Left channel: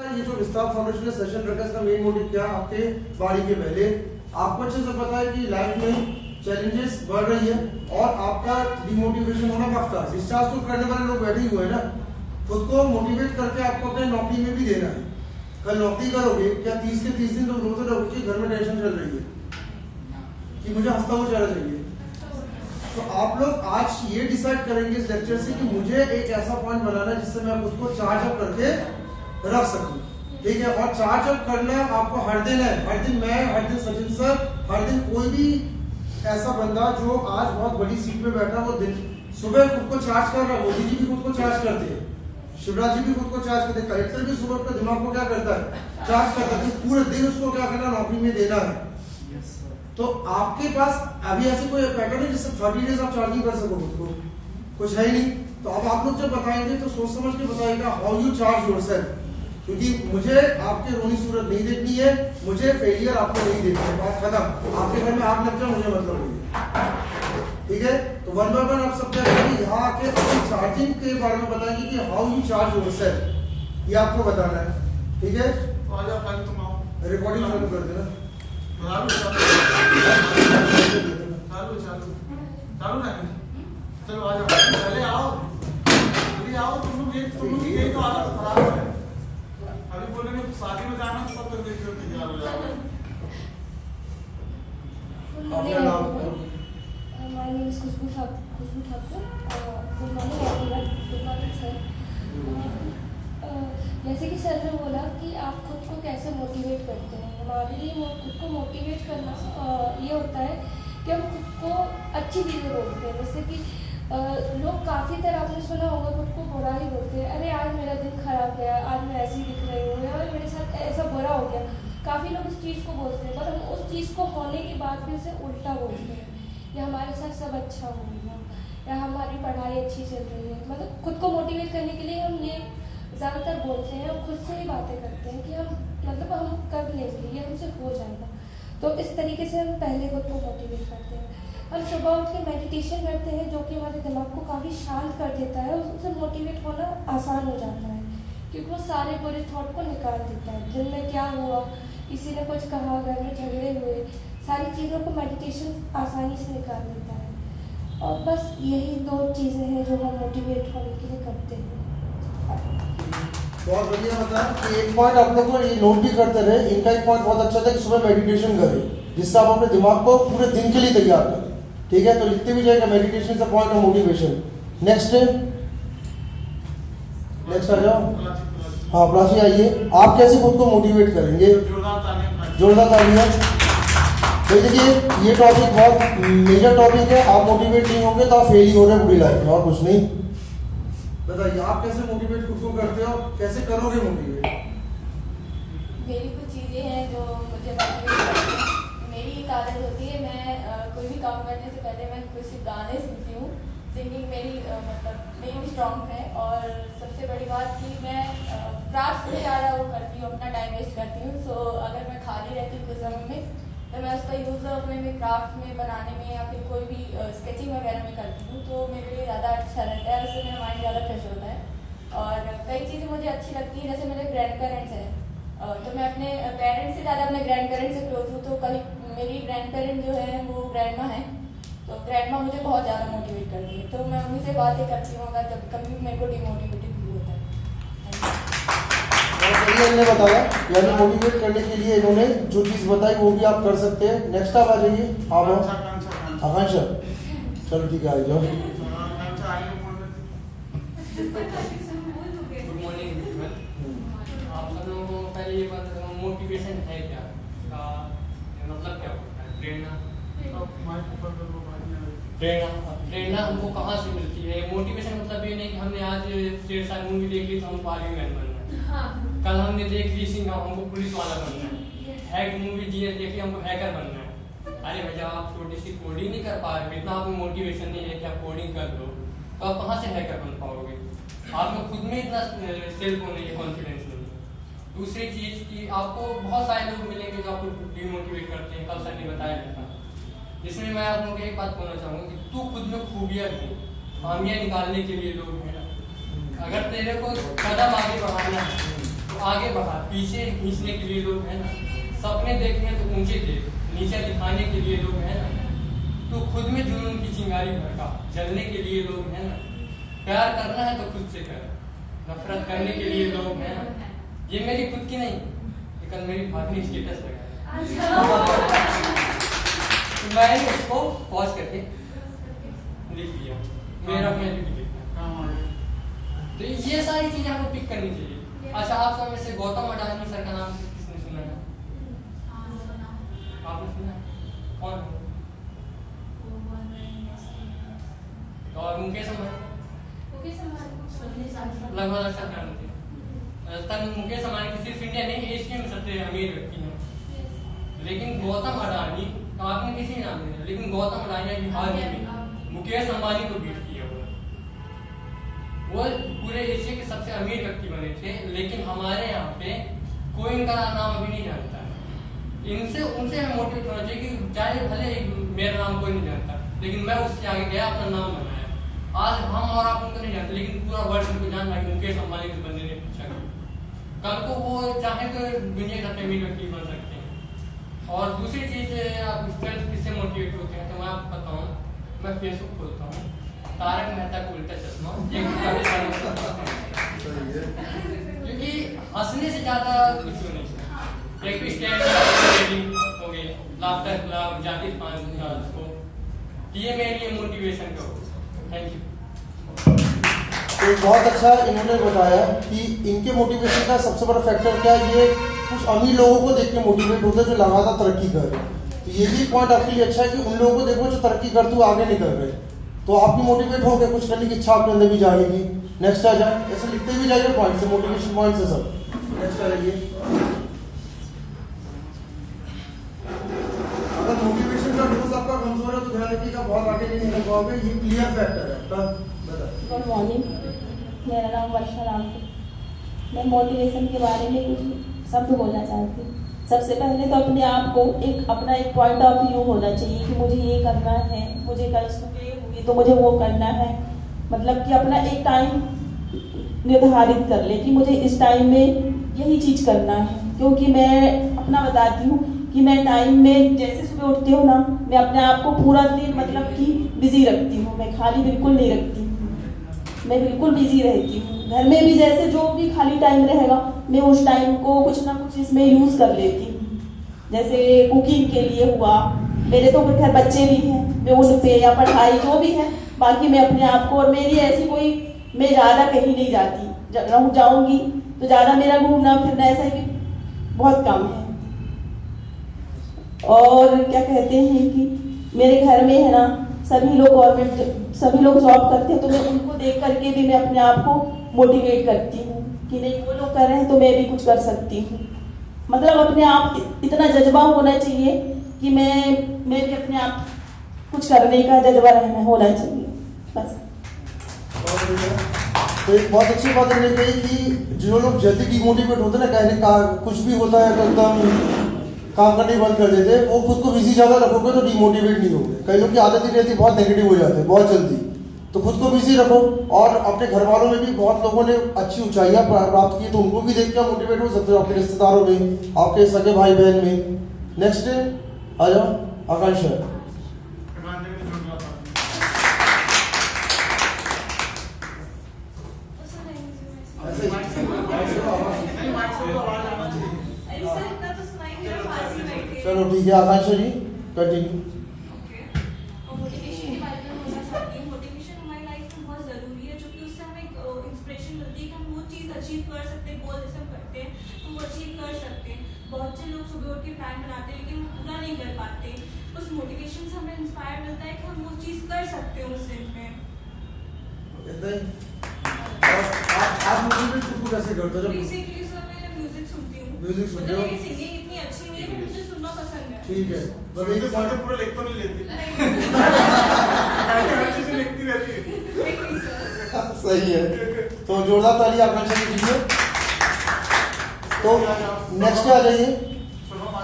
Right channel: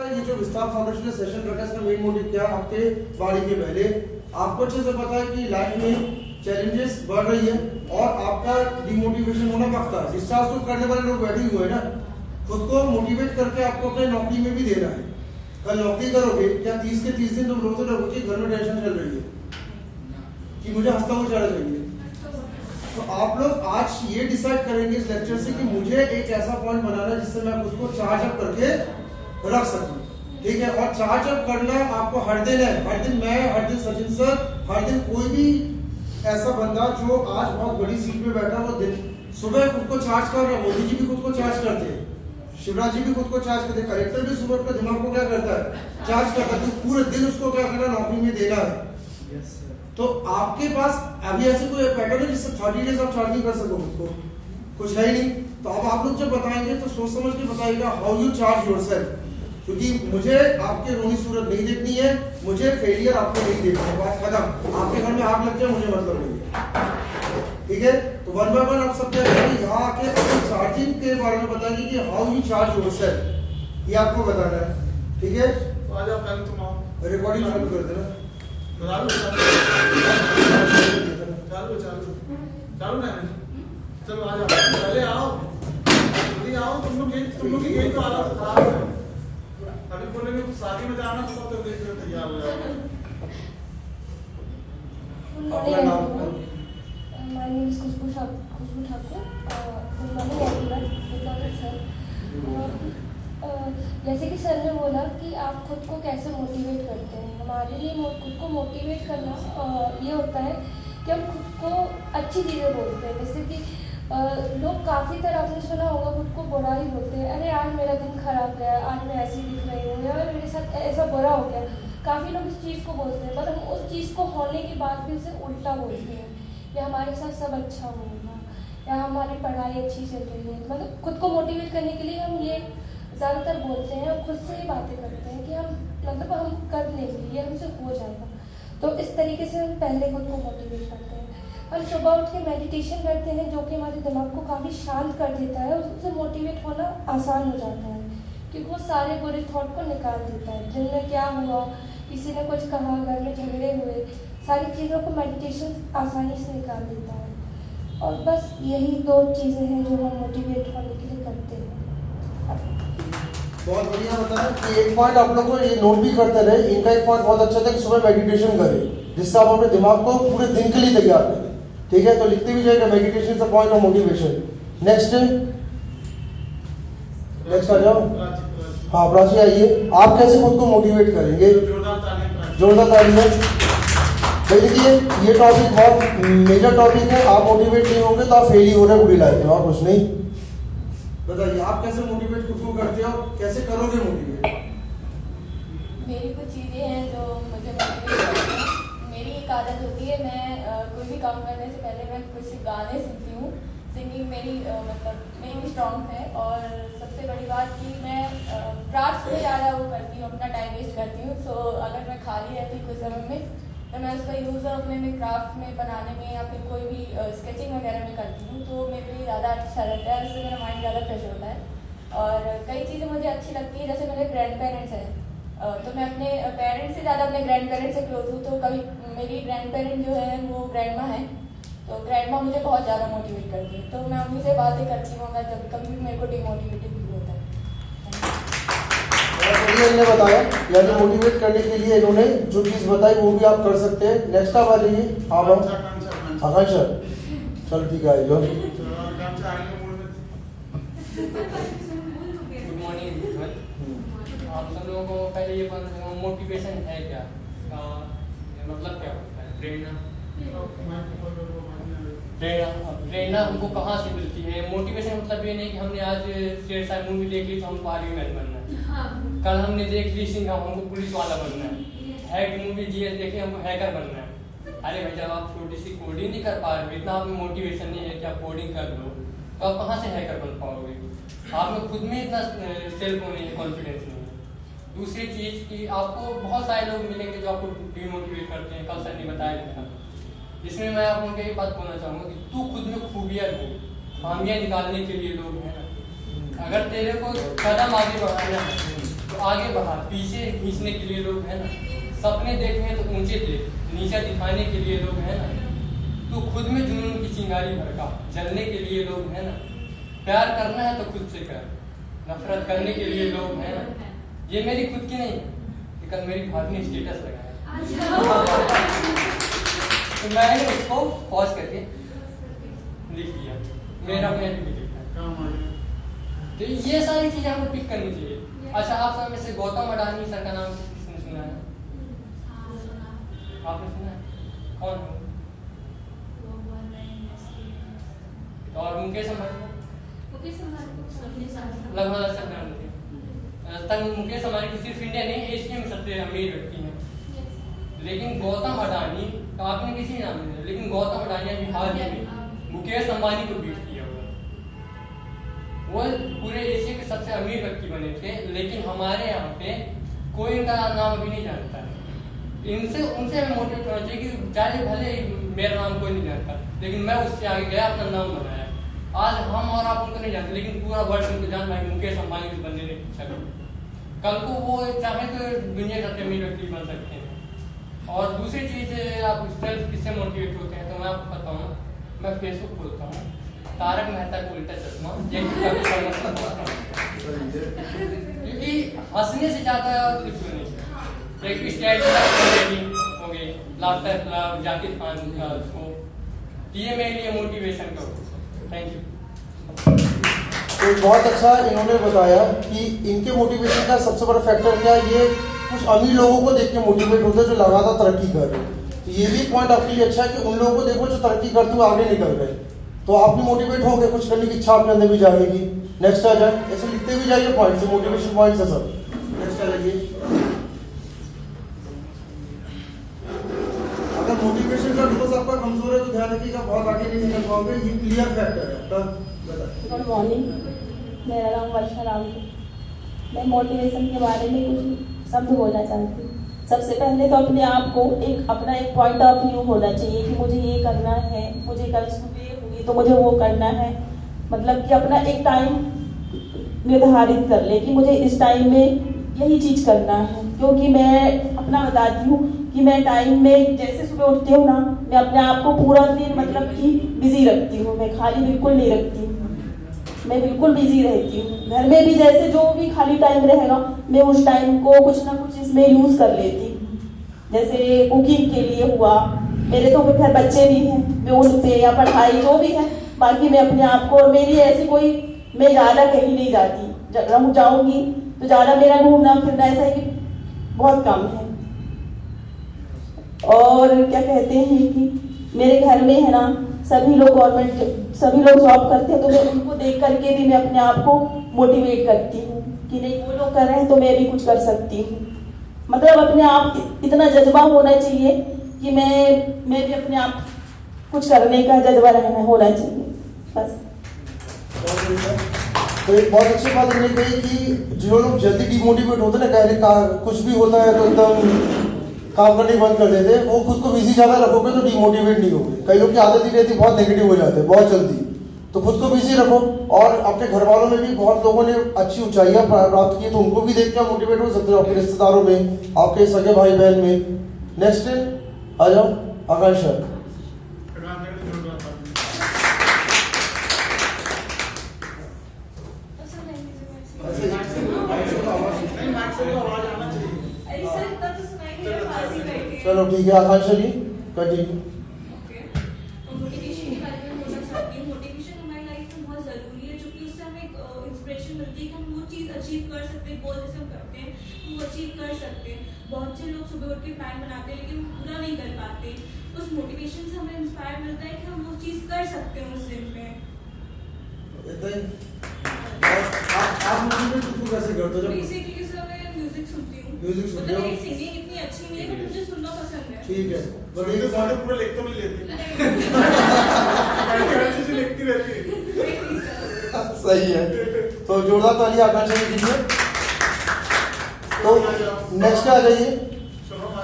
ये जो विस्तार फाउंडेशन ने सेशन रखा इसका मेन मोटिव क्या, आपके बारी के पहले आपको अच्छे से पता है कि लाइफ में चैलेंजेस बढ़ रही है और आपका डिमोटिवेशन होना पक्का है। डिस्चार्ज तो करने वाले लोग बैठे हुए हैं ना, खुद को मोटिवेट करके आपको अपने नौकरी में भी देना है। कल नौकरी करोगे क्या 30 के 30 दिन तुम रोते रहोगे कि घर में टेंशन चल रही है कि मुझे हंसता हुआ जाना चाहिए। तो आप लोग आज ये डिसाइड करेंगे इस लेक्चर से कि मुझे एक ऐसा पॉइंट बनाना है जिससे मैं खुद को चार्ज अप करके रख सकूं, ठीक है। और चार्ज अप करना आपको हर दिन है, हर दिन मैं, हर दिन सचिन सर, हर दिन कोई भी ऐसा बंदा जो आज बहुत बड़ी सीट पे बैठा वो दिन सुबह खुद को चार्ज कर रहा है। मोदी जी भी खुद को चार्ज करते हैं, शिवराज जी भी खुद को चार्ज करते हैं, कलेक्टर भी सुबह का दिमाग को क्या करता है, चार्ज करता है। तो पूरे दिन उसको क्या करना, नौकरी में देना है। तो आपके पास अभी ऐसे कोई पैटर्न है जिससे 30 डेज आप चार्ज नहीं कर सको खुद को, कुछ है ही नहीं। तो अब आप लोग जब बताएंगे तो सोच समझ के बताइएगा हाउ यू चार्ज योरसेल्फ, क्योंकि मुझे आपके रोनी सूरत नहीं देखनी है, मुझे फेलियर आपको नहीं देखना है, बात खत्म। आपके घर में आग लग जाए मुझे मतलब नहीं है, ठीक है। तो वन बाय वन आप सब यहाँ आके अपनी चार्जिंग के बारे में बताएंगे कि हाउ यू चार्ज योरसेल्फ, ये आपको बताना है, ठीक है। रिकॉर्डिंग चालू कर देना, चालू ना, चलो आ जाओ, पहले आओ, जल्दी आओ। तुम लोग ये तो हालत खराब है। अभी बोलेंगे शादी में जाना तो सब तक देख रहे तैयार हो जाओ। अपना नाम My name is Khushbu Thakur. Good morning everyone. Good morning sir. जैसे कि सर ने बोला कि आप खुद को कैसे मोटिवेट करते हैं, हमारे लिए खुद को मोटिवेट करना ये होता है कि हम खुद को अच्छी चीज़ें बोलते हैं। जैसे कि लोग काफ़ी तरह आपने सुना होगा खुद को बुरा ही बोलते हैं, अरे आज मेरा दिन खराब गया, आज मैं ऐसी दिख रही हूँ, या मेरे साथ ऐसा बुरा हो गया। काफ़ी लोग इस चीज़ को बोलते हैं, पर हम उस चीज़ को होने के बाद भी उसे उल्टा बोलते हैं, या हमारे साथ सब अच्छा होगा, या हमारी पढ़ाई अच्छी चल रही है। मतलब खुद को मोटिवेट करने के लिए हम ये ज़्यादातर बोलते हैं, खुद से ही बातें करते हैं कि हम कर लेंगे, ये हमसे हो जाएगा। तो इस तरीके से हम पहले खुद को मोटिवेट करते हैं। हम सुबह उठ के मेडिटेशन करते हैं जो कि हमारे दिमाग को काफ़ी शांत कर देता है, उससे मोटिवेट होना आसान हो जाता है क्योंकि वो सारे बुरे थॉट को निकाल देता है। दिन में क्या हुआ, किसी ने कुछ कहा, घर में झगड़े हुए, सारी चीज़ों को मेडिटेशन आसानी से निकाल देता है। और बस यही 2 चीज़ें हैं जो हम मोटिवेट होने के लिए करते हैं। बहुत बढ़िया बताया कि एक पॉइंट आप लोग को ये नोट भी करते रहे। इनका एक पॉइंट बहुत अच्छा था कि सुबह मेडिटेशन करें जिससे आप अपने दिमाग को पूरे दिन के लिए तैयार करें, ठीक है। तो लिखते भी जाएगा meditation is a point of motivation. Next आ जाओ। हाँ प्राची आइए, आप कैसे खुद को मोटिवेट करेंगे? जोरदार तालियां। देखिए ये टॉपिक बहुत मेजर टॉपिक है, आप मोटिवेट नहीं होंगे तो आप फेल ही हो रहे पूरी लाइफ में और कुछ नहीं। बताइए आप कैसे मोटिवेट खुद को करते हो, कैसे करोगे मोटिवेट? मेरी कुछ चीज़ें हैं जो मुझे मोटिवेट करती हैं। मेरी एक आदत होती है, मैं कोई भी काम करने से पहले मैं कुछ गाने सुनती हूँ। सिंगिंग मेरी मेरी स्ट्रॉन्ग है। और सबसे बड़ी बात कि मैं क्राफ्ट से ज़्यादा वो करती हूँ, अपना टाइम वेस्ट करती हूँ। सो अगर मैं खाली रहती हूँ कुछ समय में तो मैं उसका यूज़ अपने में क्राफ्ट में बनाने में या फिर कोई भी स्केचिंग वगैरह में करती हूँ, तो मेरे लिए ज़्यादा अच्छा रहता है, उससे मेरा माइंड ज़्यादा फ्रेश होता है। और कई चीज़ें मुझे अच्छी लगती हैं, जैसे मेरे ग्रैंड पेरेंट्स हैं, तो मैं अपने पेरेंट्स से ज़्यादा अपने ग्रैंड पेरेंट्स से क्लोज हूँ। तो कभी मेरी ग्रैंड पेरेंट जो है वो ग्रैंड माँ है, तो ग्रैंड माँ मुझे बहुत ज़्यादा मोटिवेट करती है। तो मैं उन्हीं से बातें करती हूँ अगर जब कभी मेरे को डिमोटिवेटेड फील होता है। इन्होंने बताया, यानी मोटिवेट करने के लिए इन्होंने जो चीज बताई वो भी आप कर सकते हैं। नेक्स्ट आप आ जाइए। आप आकांक्षा, चल ठीक है आ जाओ। Good morning. आप सब लोगों को पहले ये बात बताऊं, मोटिवेशन है क्या, मतलब क्या होता है? प्रेरणा हमको कहाँ से मिलती है? मोटिवेशन मतलब ये नहीं कि हमने आज शेर शाह मूवी देख ली तो हमको आर्मी मैन बनना है, कल हमने देख ली सिंह हमको पुलिस वाला बनना है, हैक मूवी देखे हमको हैकर बनना है। अरे भाई जब आप छोटी सी कोडिंग नहीं कर पा रहे, इतना आप में मोटिवेशन नहीं है कि आप कोडिंग कर लो, तो आप कहाँ से हैकर बन पाओगे? आप में खुद में इतना सेल्फ नहीं है, कॉन्फिडेंस नहीं है। दूसरी चीज कि आपको बहुत सारे लोग मिलेंगे जो आपको डिमोटिवेट करते हैं, कल सर ने बताया था, जिसमें मैं आप लोगों को एक बात बोलना चाहूँगा कि तू खुद में खूबियाँ ढूंढ, खामियाँ निकालने के लिए लोग हैं। अगर तेरे को कदम आगे बढ़ाना है तो आगे बढ़ा, पीछे खींचने के लिए लोग है ना, सपने देखे हैं तो ऊंचे देख, नीचे दिखाने के लिए लोग है ना, तू खुद में जुनून की चिंगारी भड़का, जलने के लिए लोग है ना, प्यार करना है तो खुद से कर, नफरत करने के लिए लोग है ना। ये मेरी खुद की नहीं, ये कल मेरी भाभी ने स्टेटस लगाया तो मैंने उसको पॉज करके लिख दिया, मेरा मैं लिख दिया। तो ये सारी चीजें आपको पिक करनी चाहिए। अच्छा, आप सब में से गौतम अडानी सर का नाम किसने सुना है? आपने सुना है? कौन है? और मुकेश अंबानी लगभग मुकेश अंबानी की सिर्फ इंडिया नहीं, एशिया में सबसे अमीर व्यक्ति है। लेकिन गौतम अडानी का आपने किसी नाम नहीं लिया, लेकिन गौतम अडानी ने हाल ही में मुकेश अंबानी को बीट किया हुआ। वो पूरे एशिया के सबसे अमीर व्यक्ति बने थे, लेकिन हमारे यहाँ पे कोई इनका नाम अभी नहीं जानता। उनसे हमें मोटिवेट होना चाहिए कि चाहे भले मेरा नाम कोई नहीं जानता, लेकिन मैं उससे आगे गया, अपना नाम बनाया। आज हम और आप उनको नहीं जानते, लेकिन पूरा वर्ल्ड उनको जान रहा है। मुकेश अंबानी के बंदे ने पूछा, कल को वो चाहे तो दुनिया का अमीर व्यक्ति बन सकते हैं। और दूसरी चीज, आप सेल्फ किससे मोटिवेट होते हैं, तो मैं आपको बताऊँ, मैं फेसबुक खोलता हूँ, तारक मेहता का उल्टा चश्मा, क्योंकि हंसने से ज्यादा कुछ नहीं। एक स्टैंड हो गई, लाफ्टर क्लब, जाकिर खान को, ये मेरे लिए मोटिवेशन का। Thank you. तो बहुत अच्छा इन्होंने बताया कि इनके मोटिवेशन का सबसे बड़ा फैक्टर क्या है, ये कुछ अमीर लोगों को देख के मोटिवेट होते हैं जो लगातार तरक्की कर रहे हैं। तो ये भी पॉइंट आपके लिए अच्छा है कि उन लोगों को देखो जो तरक्की करते हुए आगे निकल गए, तो आप भी मोटिवेट हो गए, कुछ करने की इच्छा आपके अंदर भी जाएगी। नेक्स्ट आ जाए, ऐसे लिखते भी जाइए पॉइंट से, मोटिवेशन पॉइंट से सब। नेक्स्ट आ जाइए। अगर मोटिवेशन का डोज आपका कमजोर है तो ध्यान रखिएगा, बहुत आगे नहीं निकल पाओगे। ये क्लियर फैक्टर है आपका। गुड मॉर्निंग, मेरा नाम वर्षा राम है। मैं मोटिवेशन के बारे में कुछ शब्द बोलना चाहती हूँ। सबसे पहले तो अपने आप को अपना एक पॉइंट ऑफ व्यू होना चाहिए कि मुझे ये करना है, मुझे कल सुबह हुई तो मुझे वो करना है। मतलब कि अपना एक टाइम निर्धारित कर ले कि मुझे इस टाइम में यही चीज़ करना है। क्योंकि मैं अपना बताती हूँ कि मैं टाइम में जैसे सुबह उठती हूँ ना, मैं अपने आप को पूरा दिन मतलब कि बिजी रखती हूँ, मैं खाली बिल्कुल नहीं रखती हूँ, मैं बिल्कुल बिजी रहती हूँ। घर में भी जैसे जो भी खाली टाइम रहेगा मैं उस टाइम को कुछ ना कुछ इसमें यूज़ कर लेती हूँ। जैसे कुकिंग के लिए हुआ, मेरे तो घर बच्चे भी हैं, मैं उन पे या पढ़ाई जो भी है, बाकी मैं अपने आप को, और मेरी ऐसी कोई, मैं ज़्यादा कहीं नहीं जाती, जाऊँगी तो ज़्यादा मेरा घूमना फिरना ऐसा है कि बहुत कम है। और क्या कहते हैं कि मेरे घर में है ना सभी लोग सभी लोग जॉब करते हैं, तो मैं उनको देख करके भी मैं अपने आप को मोटिवेट करती हूँ कि नहीं वो लोग कर रहे हैं तो मैं भी कुछ कर सकती हूँ। मतलब अपने आप इतना जज्बा होना चाहिए कि मैं भी अपने आप कुछ करने का जज्बा होना चाहिए, बस। तो एक बहुत अच्छी बात इन्होंने कही कि जो लोग जल्दी डिमोटिवेट होते हैं ना, कहने कुछ भी होता है तो एकदम काम करने बंद कर देते, वो खुद को बिजी ज्यादा रखोगे तो डिमोटिवेट नहीं होगे। कई लोग की आदत ही रहती, बहुत नेगेटिव हो जाते हैं बहुत जल्दी। तो खुद को बिजी रखो, और अपने घर वालों में भी बहुत लोगों ने अच्छी ऊंचाइयां प्राप्त की, तो उनको भी देख कर मोटिवेट हो सकते हो, आपके रिश्तेदारों में, आपके सगे भाई बहन में। नेक्स्ट आ जाओ, आकांक्षा। चलो ठीक है, आकांक्षा जी कंटिन्यू। मोटिवेशन के बारे में बोलना चाहती हूँ। मोटिवेशन हमारी लाइफ में बहुत जरूरी है, क्योंकि उससे हमें इंस्पिरेशन मिलती है कि हम वो चीज़ अचीव कर सकते हैं, गोल जैसे हम करते हैं हम वो अचीव कर सकते हैं। बहुत से लोग सुबह उठ के प्लान बनाते हैं लेकिन पूरा नहीं कर पाते। उस मोटिवेशन से हमें इंस्पायर मिलता है कि हम वो चीज़ कर सकते हैं उस दिन में। आप मोटिवेट खुद को कैसे करते हो? बेसिकली सर मैं म्यूजिक सुनती हूँ। म्यूजिक सुनते हो? मतलब मेरी सिंगिंग इतनी अच्छी नहीं है, बट मुझे सुनना पसंद है। ठीक है, बस सारे पूरा लिख तो नहीं लेती, हर चीज लिखती रहती है। सही है, तो जोरदार ताली आकांक्षा के लिए। तो नेक्स्ट आ जाइए,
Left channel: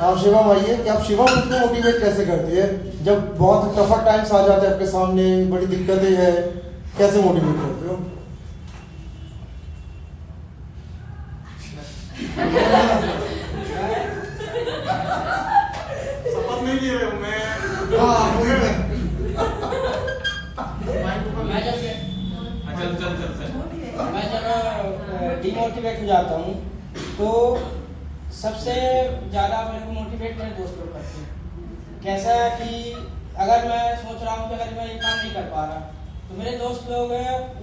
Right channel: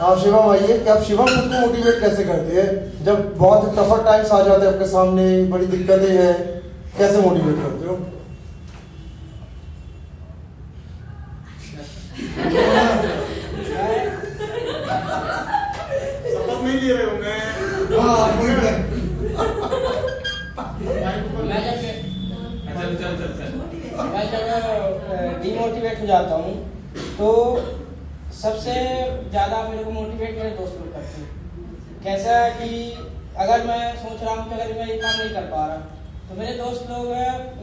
हाँ शिवम आइए कि आप शिवम खुद को मोटिवेट कैसे करते हैं जब बहुत टफर टाइम्स आ जाते हैं आपके सामने, बड़ी दिक्कतें हैं, कैसे मोटिवेट करते हो? शपथ नहीं ले रहे हो मैं। हाँ वही है। मैं जब मैं जब डिमोटिवेट हो जाता हूँ तो सबसे ज़्यादा मेरे को मोटिवेट मेरे दोस्त लोग करते हैं। कैसा है कि अगर मैं सोच रहा हूँ कि अगर मैं ये काम नहीं कर पा रहा तो मेरे दोस्त लोग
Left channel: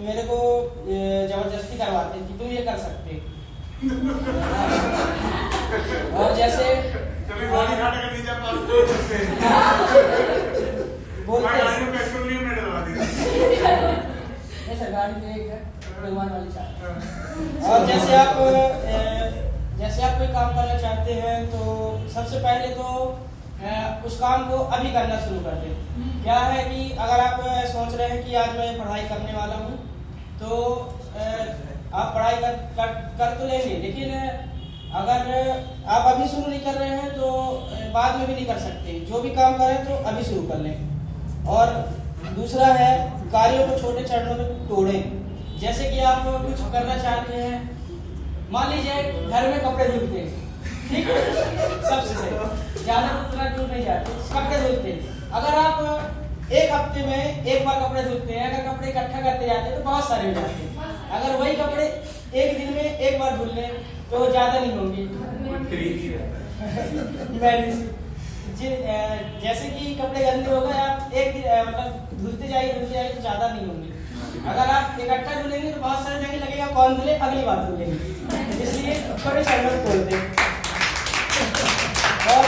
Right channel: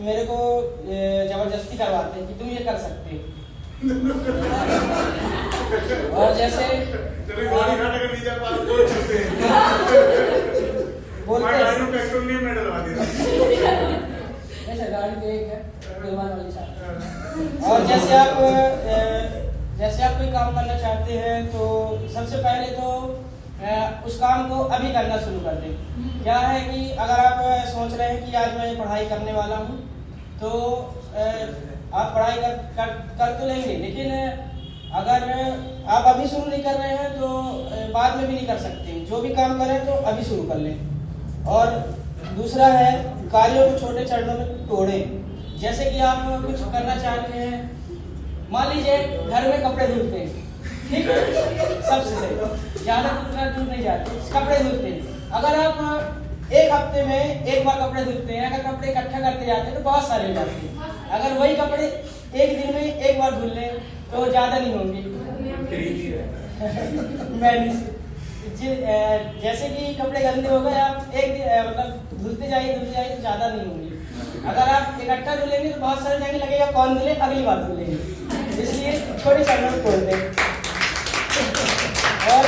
मेरे को जबरदस्ती करवाते हैं कि तुम ये कर सकते हो। और जैसे चलिए बॉडी घाटे का टीचर पास करते हैं। बोलते मैं हैं गाड़ी में पेट्रोल नहीं मैं डलवा देगा। नहीं सर, गाड़ी तो एक है, फिल्मान वाली साथ। और जैसे आप कोई काम करना चाहते हैं तो सबसे पहले तो उस काम को अभी करना शुरू कर दें। क्या है कि अगर आप सोच रहे हैं कि आज मैं पढ़ाई करने वाला हूँ तो आप पढ़ाई कर तो लेंगे, लेकिन अगर आप अभी शुरू नहीं कर रहे हैं तो बाद में भी नहीं कर सकते। जो भी काम करें तो अभी शुरू कर लें। और दूसरा है कार्यों को छोटे चरणों में तोड़ें। जैसे कि आप कुछ करना चाहते हैं, मान लीजिए घर में कपड़े धुलते हैं, ठीक है, सबसे सही, ज्यादा दूर नहीं जाते, कपड़े धुलते हैं। अगर आप एक हफ्ते में एक बार कपड़े धुलते हैं, अगर कपड़े इकट्ठा करते जाते हैं तो बहुत सारे हो जाते हैं। अगर वही कपड़े एक दिन में एक बार धुल लें तो ज्यादा नहीं होंगे। जैसे कि कपड़े गंदे हो गए, आप एक दिन मतलब धुलते जाइए तो ज्यादा नहीं होंगे। अगर आप इकट्ठा धुलेंगे तो बहुत सारे जगह लगेगा कौन धुले, अगली बार धुलेंगे। इसलिए छोटे चरणों में तोड़ते हैं। और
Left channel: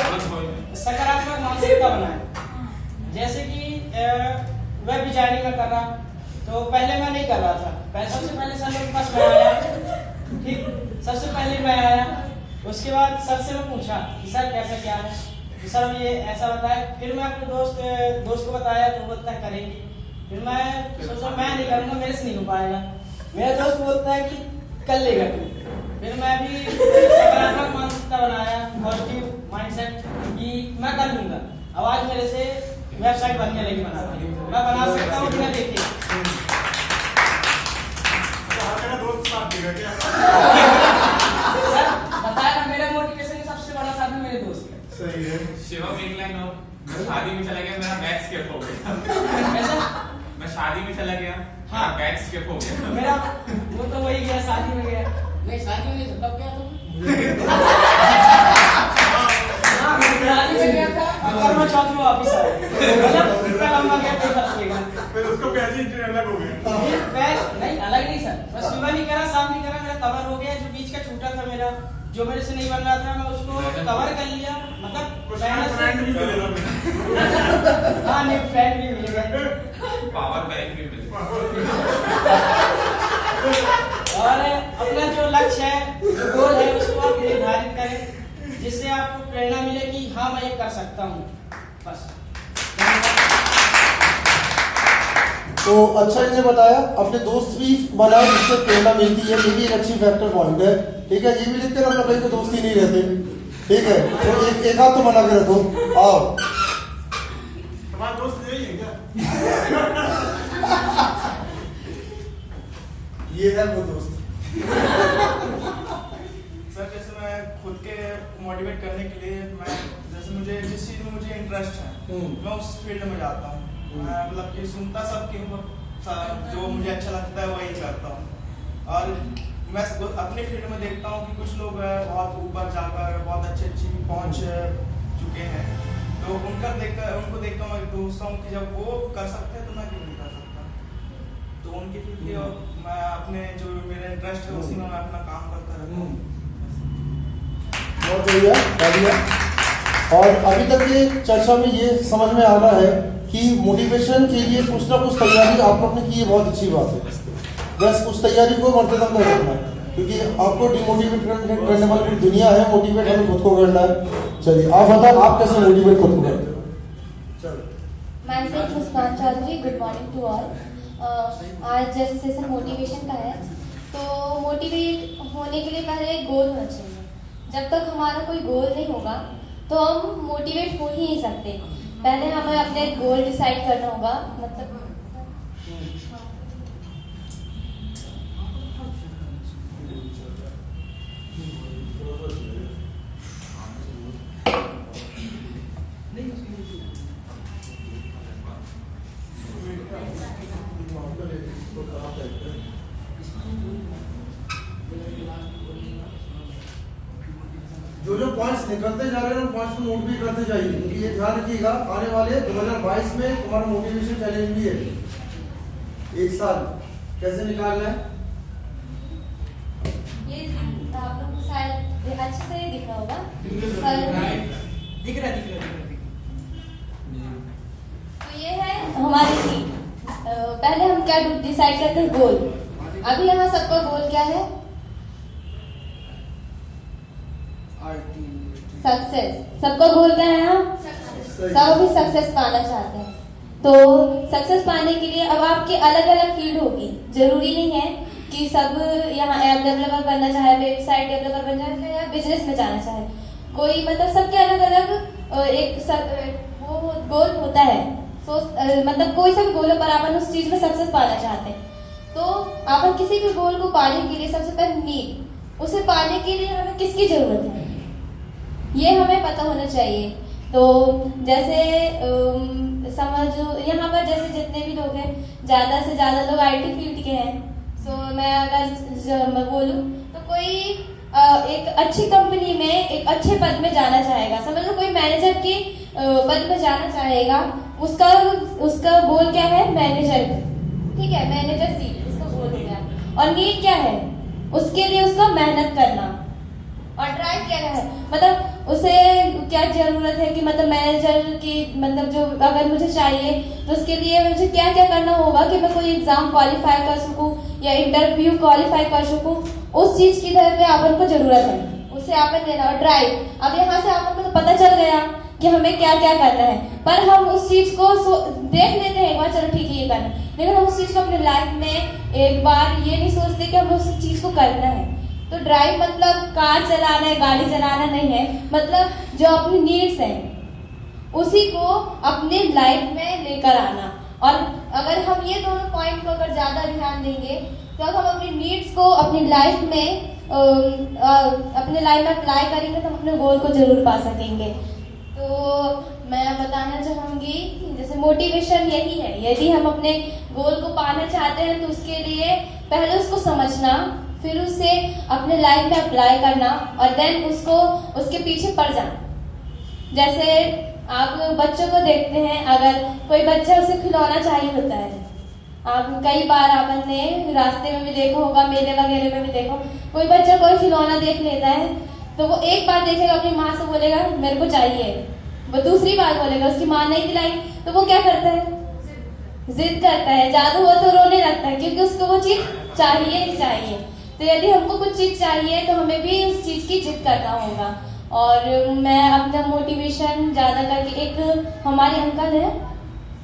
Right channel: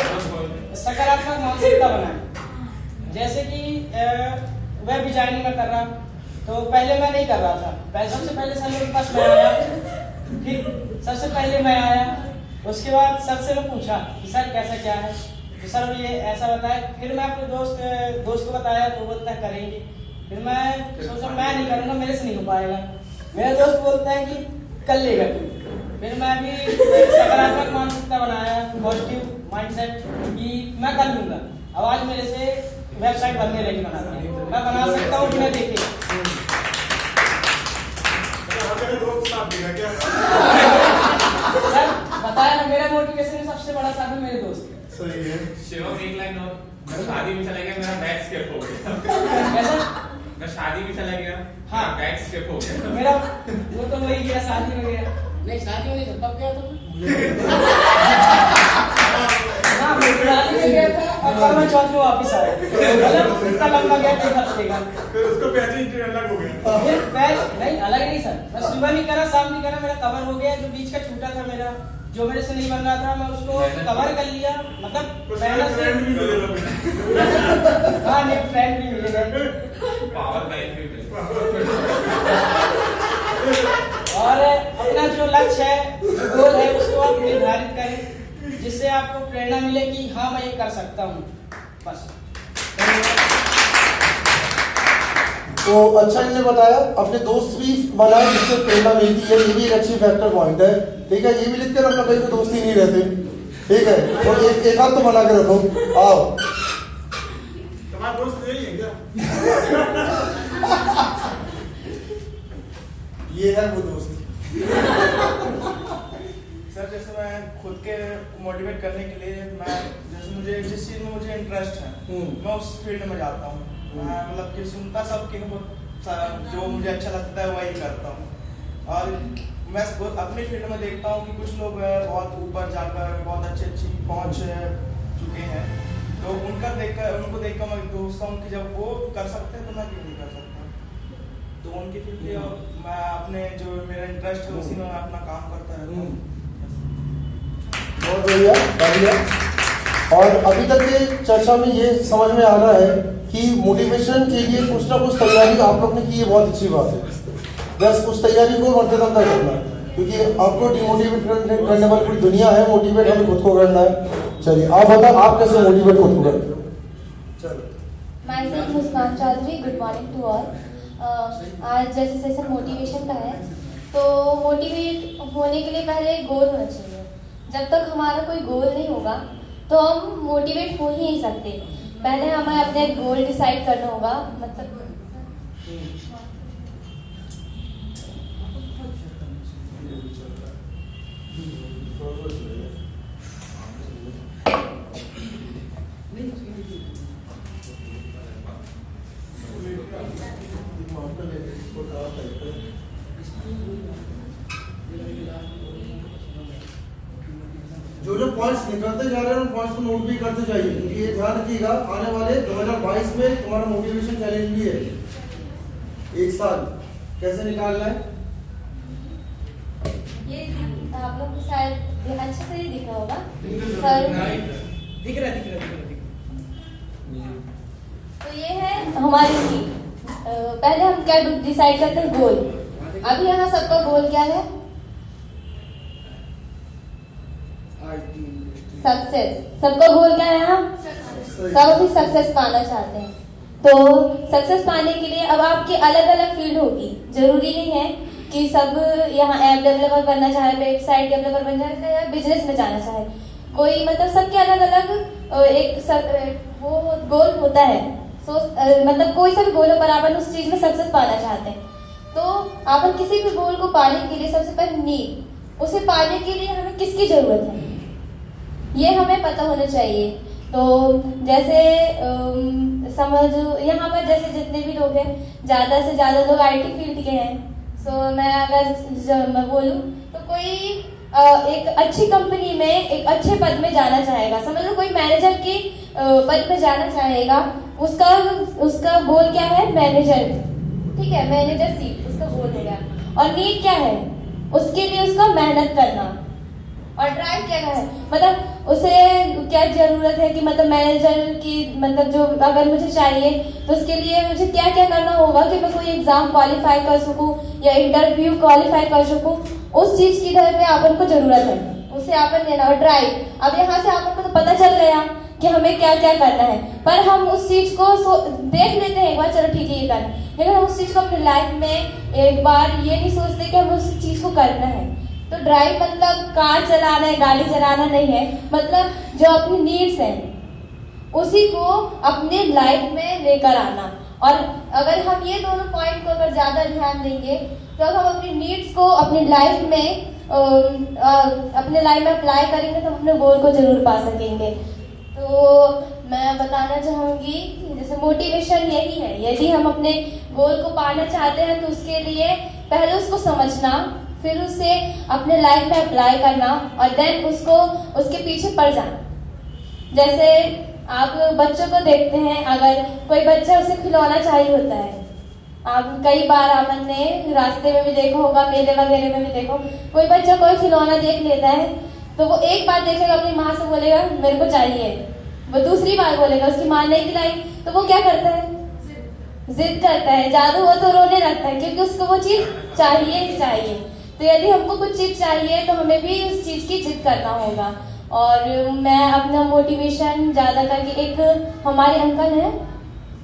सकारात्मक मानसिकता बनाएं। जैसे कि वेब डिजाइनिंग में कर रहा तो पहले मैं नहीं कर रहा था, सबसे पहले सर मेरे पास मैं आया, ठीक, सबसे पहले मैं आया, उसके बाद सर से मैं पूछा कि सर कैसा क्या है, तो सर ये ऐसा बताया। फिर मैं अपने दोस्त को बताया तो वो बोलता है करेंगे। फिर मैं सोचा मैं नहीं करूँगा, मेरे से नहीं हो पाएगा। मेरा दोस्त बोलता है कि कर लेगा तू। फिर मैं भी सकारात्मक मानसिकता बनाया, पॉजिटिव माइंडसेट कि मैं कर लूंगा। अब आज मेरे से वेबसाइट बनने लगी, बनाती मैं बना सकता हूँ बिना देखे। सर बताया ना, मेरा मोटिवेशन का सबसे बड़ा साधन मेरे दोस्त। सही है। शिवम एक लाइन और, मैं शादी में चला गया, मेरा बैग स्किप हो गया। कैसा? मैं शादी में चला गया, हाँ, बैग स्किप हो गया। मेरा वो तो वही गया, शादी में गया। नहीं शादी में नहीं था, तब गया था शादी में गया था और मैं चौथ में वापिस आया। मतलब इतना लंबा गया एक हफ्ते का। फिर उसको पैसे अलग हो गया। नहीं अलग नहीं सर, मैं सुबह नहीं करा, शाम नहीं करा, मेरा कवर हो गया। जो बीच का छूटा था मेरा, जो मेरे से नहीं बन रहा था, मैं उसको कवर कर लिया। मतलब फ्रेंड भी मिलेगा। हाँ नहीं, फ्रेंड भी मिलेगा, पावर बैंक भी मिलेगा। और अपना जो लक्ष्य है, जो गोल है, उसको आप निर्धारित करें जिससे आपको प्रेरणा मिले कि हाँ मैं ये कर सकता हूँ। बस। तो अच्छा इन्हें बताया, अपने दोस्त भी बनाए जिससे प्रेरणा मिलती है, ये भी एक अच्छी फैक्टर पॉइंट है। ठीक है, ये भी लिख कर अपना कहीं को दोस्ती नहीं रहते। ठीक है, तो एक हाथ तो बना के रखो। आओ, तुम्हारा दोस्त यही है क्या? ये है वो दोस्त। सर जैसे मैं खुद के मोटिवेट करने के लिए जैसे मुझे जिस चीज में मुझे इंटरेस्ट है मैं उस फील्ड में जाता हूँ। मतलब कि सुनता सब कि जो मुझे अच्छा लगता है वही करता हूँ। और मैं अपने फील्ड में देखता हूँ कि कुछ लोग बहुत ऊपर जाकर बहुत अच्छी पहुँच चुके हैं, तो उनको देखकर मैं सोचता हूँ कि जब वो कर सकते हैं तो मैं क्यों नहीं कर सकता। तो उनकी फील्ड में मैं अपने जो मेरा इंटरेस्ट है उसी में मैं अपना काम करता रहता हूँ। बहुत बढ़िया। और अभी तक के चर्चा में ये समझ में आ रहा है कि मोटिवेशन के लिए कुछ ना कुछ तैयारी आप लोग ने की है, बहुत अच्छी बात है। बस उस तैयारी को बढ़ते दम तक करना है, क्योंकि आपको डिमोटिवेट करने वाली पूरी दुनिया है, मोटिवेट हमें खुद को करना है। चलिए आप बताओ, आप कैसे मोटिवेट खुद को करते हो? चलो। Myself Muskan Chaudhary, good morning to all. आज जैसे सेशन मोटिवेशन का है, तो मोटिवेट होने के लिए पहले एक गोल होना चाहिए। जब तक हमारा कोई गोल नहीं होगा तो हम मोटिवेट हो ही नहीं सकते। पहले हमें अपने गोल डिसाइड करना होगा। मतलब जो जो पॉइंट्स निकलते जा रहे हैं उन पॉइंट्स को नोट भी करते जाइए, क्योंकि ये ध्यान रखिएगा आने वाले 2022 में तुम्हारा मोटिवेशन चैलेंज भी है। एक साल कैसे निकालना है? ये आप लोग को शायद अच्छे से ही दिखा होगा सर। दिख रहा। तो ये है हमारी नीड। पहले हम क्या डिसाइड करते हैं? गोल। अभी यहाँ सबका गोल क्या है? सक्सेस। सबका गोल क्या है यहाँ? सब अभी सक्सेस पाना चाहते हैं। तो सक्सेस पाने के लिए अब आपकी अलग अलग फील्ड होगी। जरूरी नहीं है कि सब यहाँ ऐप डेवलपर बनना चाहे, वेबसाइट डेवलपर बनना चाहे या बिजनेस में जाना चाहे। कोई मतलब सबके अलग अलग एक वो गोल होता है। मतलब कोई सा भी गोल हो पर अपन उस चीज में सक्सेस पाना चाहते हैं। तो अपन किसी भी गोल को पाने के लिए सबसे पहले नीड, उसे पाने के लिए हमें किसकी जरूरत है ये हमें पता होना चाहिए। तो जैसे समझ यहाँ पर जैसे जितने भी लोग हैं, ज्यादा से ज्यादा लोग आईटी फील्ड के हैं। सो मैं अगर बोलूँ तो कोई एक अच्छी कंपनी में एक अच्छे पद में जाना चाहेगा। समझ लो कोई मैनेजर की पद में जाना चाहेगा, उसका गोल क्या है? मैनेजर। ठीक है, मैनेजर सीट उसका गोल हो गया। और नीड क्या है? उसके लिए उसका मेहनत करना। और ड्राइव क्या है? मतलब उसे क्या जरूरत है कि मतलब मैनेजर की मतलब जो अगर मुझे चाहिए तो उसके लिए मुझे क्या क्या करना होगा कि मैं कोई एग्जाम क्वालिफाई कर सकूं या इंटरव्यू क्वालिफाई कर सकूं। उस चीज की तरफ में अपन को जरूरत है, उसे अपन लेना। और ड्राइव, अब यहाँ से अपन को तो पता चल गया कि हमें क्या क्या करना है, पर हम उस चीज को देख लेते हैं एक बार, चलो ठीक है ये करना है, लेकिन हम उस चीज को अपने लाइफ में एक बार ये नहीं सोचते कि हम उस चीज को करना है। तो ड्राइव मतलब कार चलाना है, गाड़ी चलाना नहीं है, मतलब जो अपनी नीड्स है उसी को अपने लाइफ में लेकर आना। और अगर हम ये दोनों पॉइंट को अगर ज्यादा ध्यान देंगे तो अगर हम अपनी नीड्स को अपनी लाइफ में अप्लाई करेंगे तो हम अपने गोल को जरूर पा सकेंगे। तो मैं बताना चाहूंगी जैसे मोटिवेशन यही है, यदि हम अपने गोल को पाना चाहते हैं तो उसके लिए पहले उसको समझना, फिर उसे अपने लाइफ में अप्लाई करना और देन उसको उसके पीछे पड़ जाना। जैसे आप बच्चों को देखते हैं, अगर कोई बच्चा उसे खिलौना चाहिए होता है, आप कई बार आपने रास्ते में भी देखा होगा, मेले वगैरह में भी देखो, कोई बच्चा कोई खिलौना देख लेता है तो वो एक बार देखेगा, अपनी माँ से बोलेगा मेरे को चाहिए, वो दूसरी बार बोलेगा, उसकी माँ नहीं खिलाई तो वो क्या करता है? जिद करता है, ज्यादा हुआ तो रोने लगता है, क्योंकि उसको वो चीज चाहिए ही चाहिए। तो यदि हमको कुछ चीज चाहिए तो हमें भी उस चीज की जिद करना होगा। और मैं अपना मोटिवेशन ज्यादा करके, एक हमारे अंकल है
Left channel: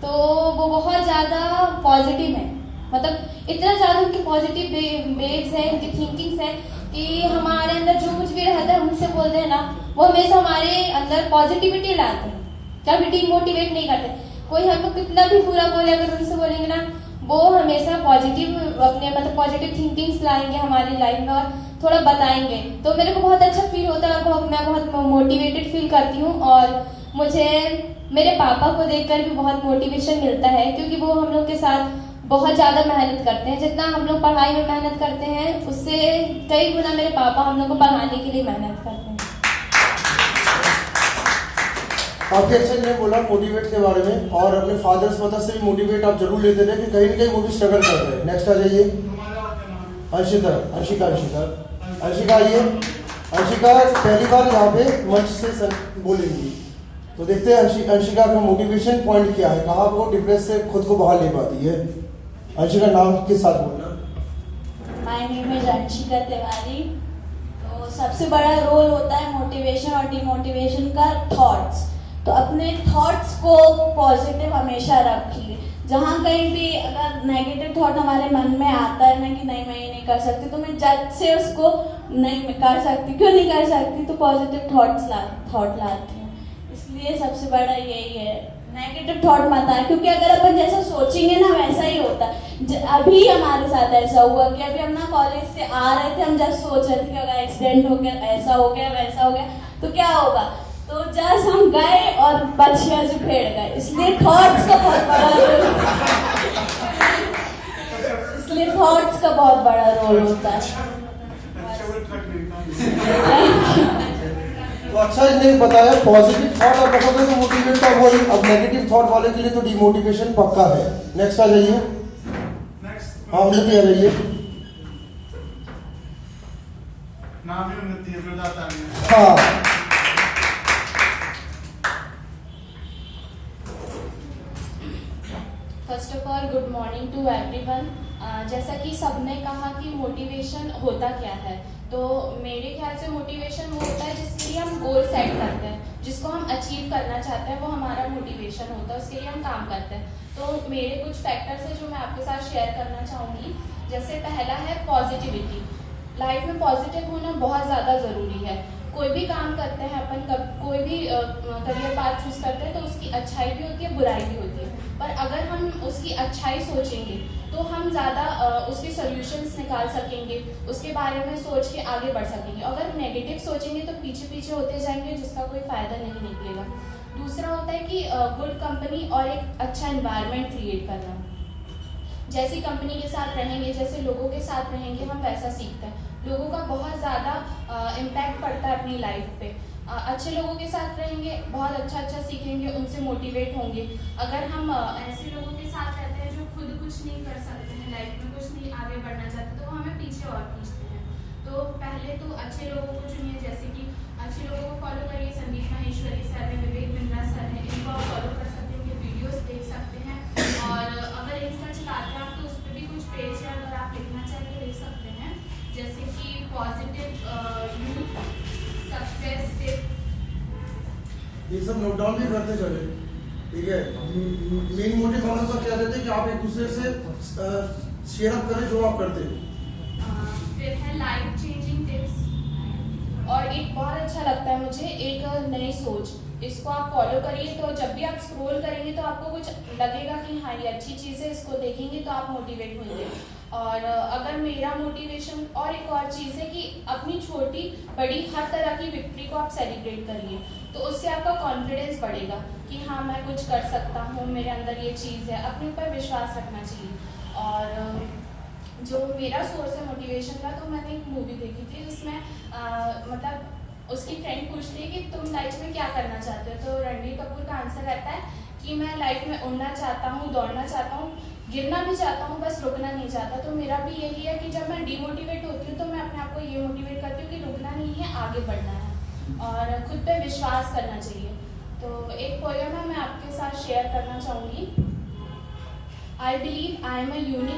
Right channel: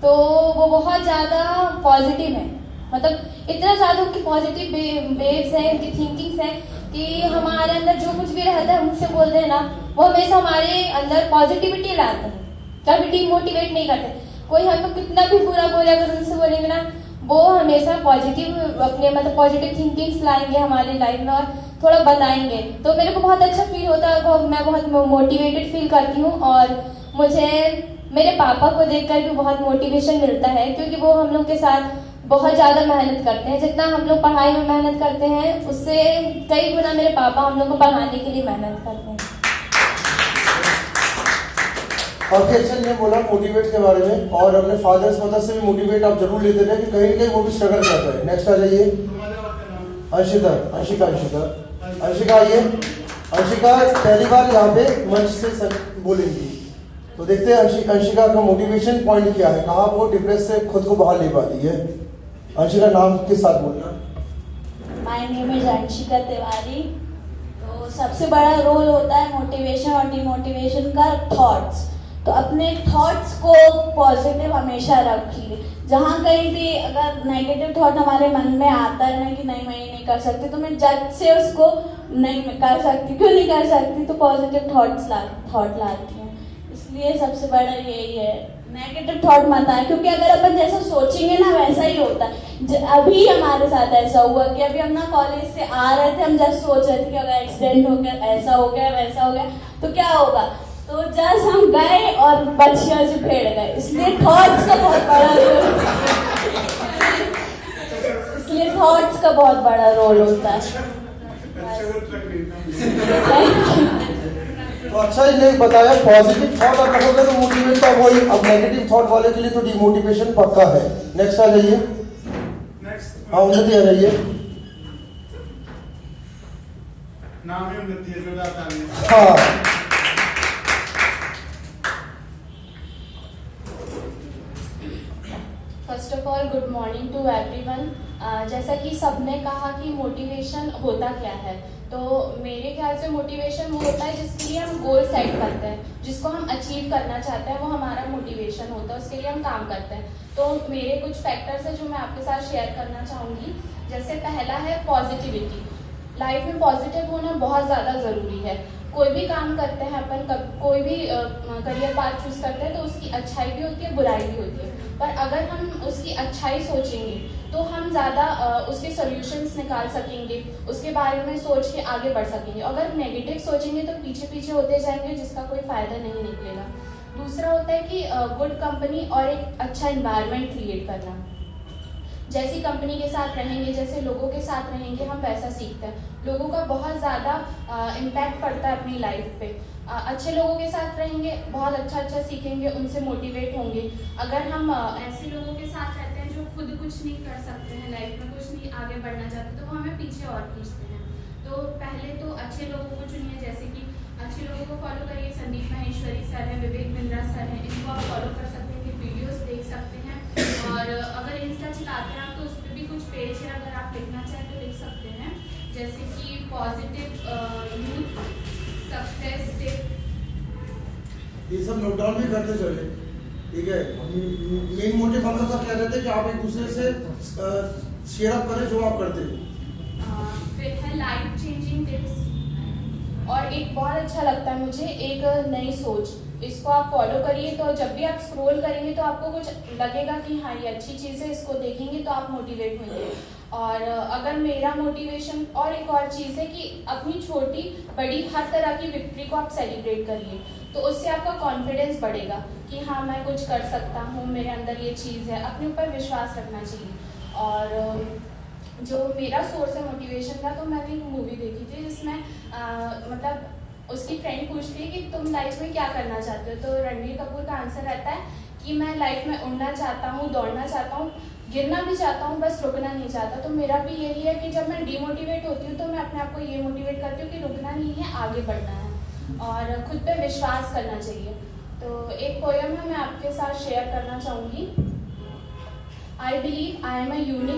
तो वो बहुत ज्यादा पॉजिटिव है, मतलब इतना ज्यादा उनकी पॉजिटिव वेव्स हैं, उनकी थिंकिंग्स हैं कि हमारे अंदर जो कुछ भी रहता है उनसे बोलते हैं ना, वो हमेशा हमारे अंदर पॉजिटिविटी लाते हैं, कभी डिमोटिवेट नहीं करते। कोई हमको कितना भी बुरा बोले, अगर उनसे बोलेंगे ना, वो हमेशा पॉजिटिव अपने मतलब पॉजिटिव थिंकिंग्स लाएंगे हमारी लाइफ में और थोड़ा बताएंगे। तो मेरे को बहुत अच्छा फील होता है और मैं बहुत मोटिवेटेड फील करती हूँ। और मुझे मेरे पापा को देखकर भी बहुत मोटिवेशन मिलता है, क्योंकि वो हम लोग के साथ बहुत ज्यादा मेहनत करते हैं। जितना हम लोग पढ़ाई में मेहनत करते हैं उससे कई गुना मेरे पापा हम लोग को पढ़ाने के लिए मेहनत करते हैं। काफी अच्छा ने बोला मोटिवेट के बारे में, और अपने फादर्स मदर से भी मोटिवेट आप जरूर लेते रहे कि कहीं ना कहीं वो भी स्ट्रगल कर रहे हैं। नेक्स्ट आ जाइए, अंशिका आइए। अंशिका पहली बार यहाँ पे मंच से बोलेंगी, तो देखते हैं अंशिका का मोटिवेशन पॉइंट क्या है, कहाँ वो डिप्रेस से खुद को बाहर ले पाती है। अंशिका नाम के साथ बोलना। My name is Anshika Tiwari. तो सबसे बड़ा रोल होता है मोटिवेशन और डिमोटिवेशन का थॉट्स। तो अपने थॉट्स को पॉजिटिव हमेशा रखिए। जहाँ कहीं भी अगर नेगेटिव थॉट हमारे मन में आता है ना कि नहीं मैं ये नहीं कर सकती, तो मैं जज से उसको नहीं मैं कर सकती, क्यों नहीं कर सकती, तो पॉजिटिव थॉट लाती हूँ। इसलिए सबसे बड़ा यही है, नेगेटिव थॉट मत आए, क्योंकि अगर अपन जैसा सोचेंगे ना वैसा ही होता है। अभी हमारे साथ ऐसा हुआ कि अभी हम ना कॉलेज से आ रहे थे, हम जस्ट सोच रहे थे कि अगर एक्सीडेंट हो गया, ऐसा हो गया, वैसा हो गया तो क्या होगा, तो जस्ट हम गए और बच्चियों से भिड़ गए। इसलिए थॉट्स का बहुत बड़ा रोल होता है। अच्छा ही नहीं बताया, पॉजिटिव थॉट आप रखोगे तो मोटिवेट का वही, अब नेगेटिव थॉट वाले के लिए तो डिमोटिवेशन पक्का है। नेक्स्ट आ जाइए। हाँ उन्नति आ जाइए। नाम ही उन्नति है, जोरदार तालियां। हाँ first of all good morning to everyone. जैसा कि सबने कहा कि मोटिवेशन होता क्या है, तो मेरे ख्याल से मोटिवेशन वो होता है जिसके लिए हम गोल सेट करते हैं, जिसको हम अचीव करना चाहते हैं, वो हमारा मोटिवेशन होता है, उसके लिए हम काम करते हैं। तो मेरे कुछ फैक्टर्स हैं जो मैं आपके साथ शेयर करना चाहूँगी। जैसे पहला है पॉजिटिविटी। लाइफ में पॉजिटिव होना बहुत ज़्यादा ज़रूरी है। कोई भी काम करते हैं अपन, कोई भी करियर पाथ चूज करते हैं तो उसकी अच्छाई भी होती है, बुराई भी होती है। पर अगर हम उसकी अच्छाई सोचेंगे तो हम ज़्यादा उसके सॉल्यूशंस निकाल सकेंगे, उसके बारे में सोच के आगे बढ़ सकेंगे। अगर नेगेटिव सोचेंगे तो पीछे पीछे होते जाएंगे, जिसका कोई फायदा नहीं निकलेगा। दूसरा होता है कि गुड कंपनी और एक अच्छा एनवायरनमेंट क्रिएट करना। जैसी कंपनी के साथ रहेंगे, जैसे लोगों के साथ रहेंगे, हम वैसा सीखते हैं। लोगों का बहुत ज़्यादा इम्पैक्ट पड़ता है अपनी लाइफ पे। अच्छे लोगों के साथ रहेंगे, बहुत अच्छा सीखेंगे, उनसे मोटिवेट होंगे। अगर हम ऐसे लोगों के साथ रहते हैं जो खुद कुछ नहीं कर सकते हैं, लाइफ में कुछ नहीं आगे बढ़ना चाहते, तो वो हमें पीछे और खींचते हैं। तो पहले तो अच्छे लोगों को चुनिए, जैसे कि अच्छे लोगों को फॉलो करिए। संदीप माहेश्वरी सर है, विवेक बिंद्रा सर है, इनको आप फॉलो कर सकते हैं, वीडियोस देख सकते हैं। और अगर इंस्टा चलाते हैं आप तो उस पर भी कुछ पेज है, अगर आप लिखना चाहें तो लिख सकते हैं, जैसे कि पॉजिटिव यूथ सक्सेस टिप। ये सब नोट डाउन भी करते चले, ठीक है। मेन मोटिव हम लोग का क्या रहता है कि आप एक दूसरे से शेयर अप करें जो आप करते हैं। फिर है लाइफ चेंजिंग टिप्स। और एक बहुत अच्छा लगता है मुझे, एक नई सोच, इसको आप फॉलो करिए। तो जब भी आप स्क्रॉल करेंगे तो आपको कुछ लगेगा कि हाँ ये अच्छी चीज़ है, इसको देखेंगे तो आप मोटिवेट होंगे। और अगर मेरा मोटिवेशन, और एक और चीज़ है कि अपनी छोटी बड़ी हर तरह की विक्ट्री को आप सेलिब्रेट करिए, तो उससे आपका कॉन्फिडेंस बढ़ेगा कि हाँ मैं कुछ कर सकता हूँ, मेरे अंदर ये चीज़ है। अपने ऊपर विश्वास रखना चाहिए। और जो मेरा सोर्स है मोटिवेशन का, तो मैंने एक मूवी देखी थी जिसमें मतलब उसकी फ्रेंड पूछती है कि तुम लाइफ में क्या करना चाहते हो, तो रणबीर कपूर का आंसर रहता है कि मैं लाइफ में उड़ना चाहता हूँ, दौड़ना चाहता हूँ, गिरना भी चाहता हूँ, बस रुकना नहीं चाहता। तो मेरा भी यही है कि जब मैं डिमोटिवेट होती हूँ तो मैं अपने आप को ये मोटिवेट करती हूँ कि रुकना नहीं है, आगे बढ़ना है और खुद पे विश्वास करना चाहिए। तो एक पोएम है, मैं आपके साथ शेयर करना चाहूँगी। I believe I am a unique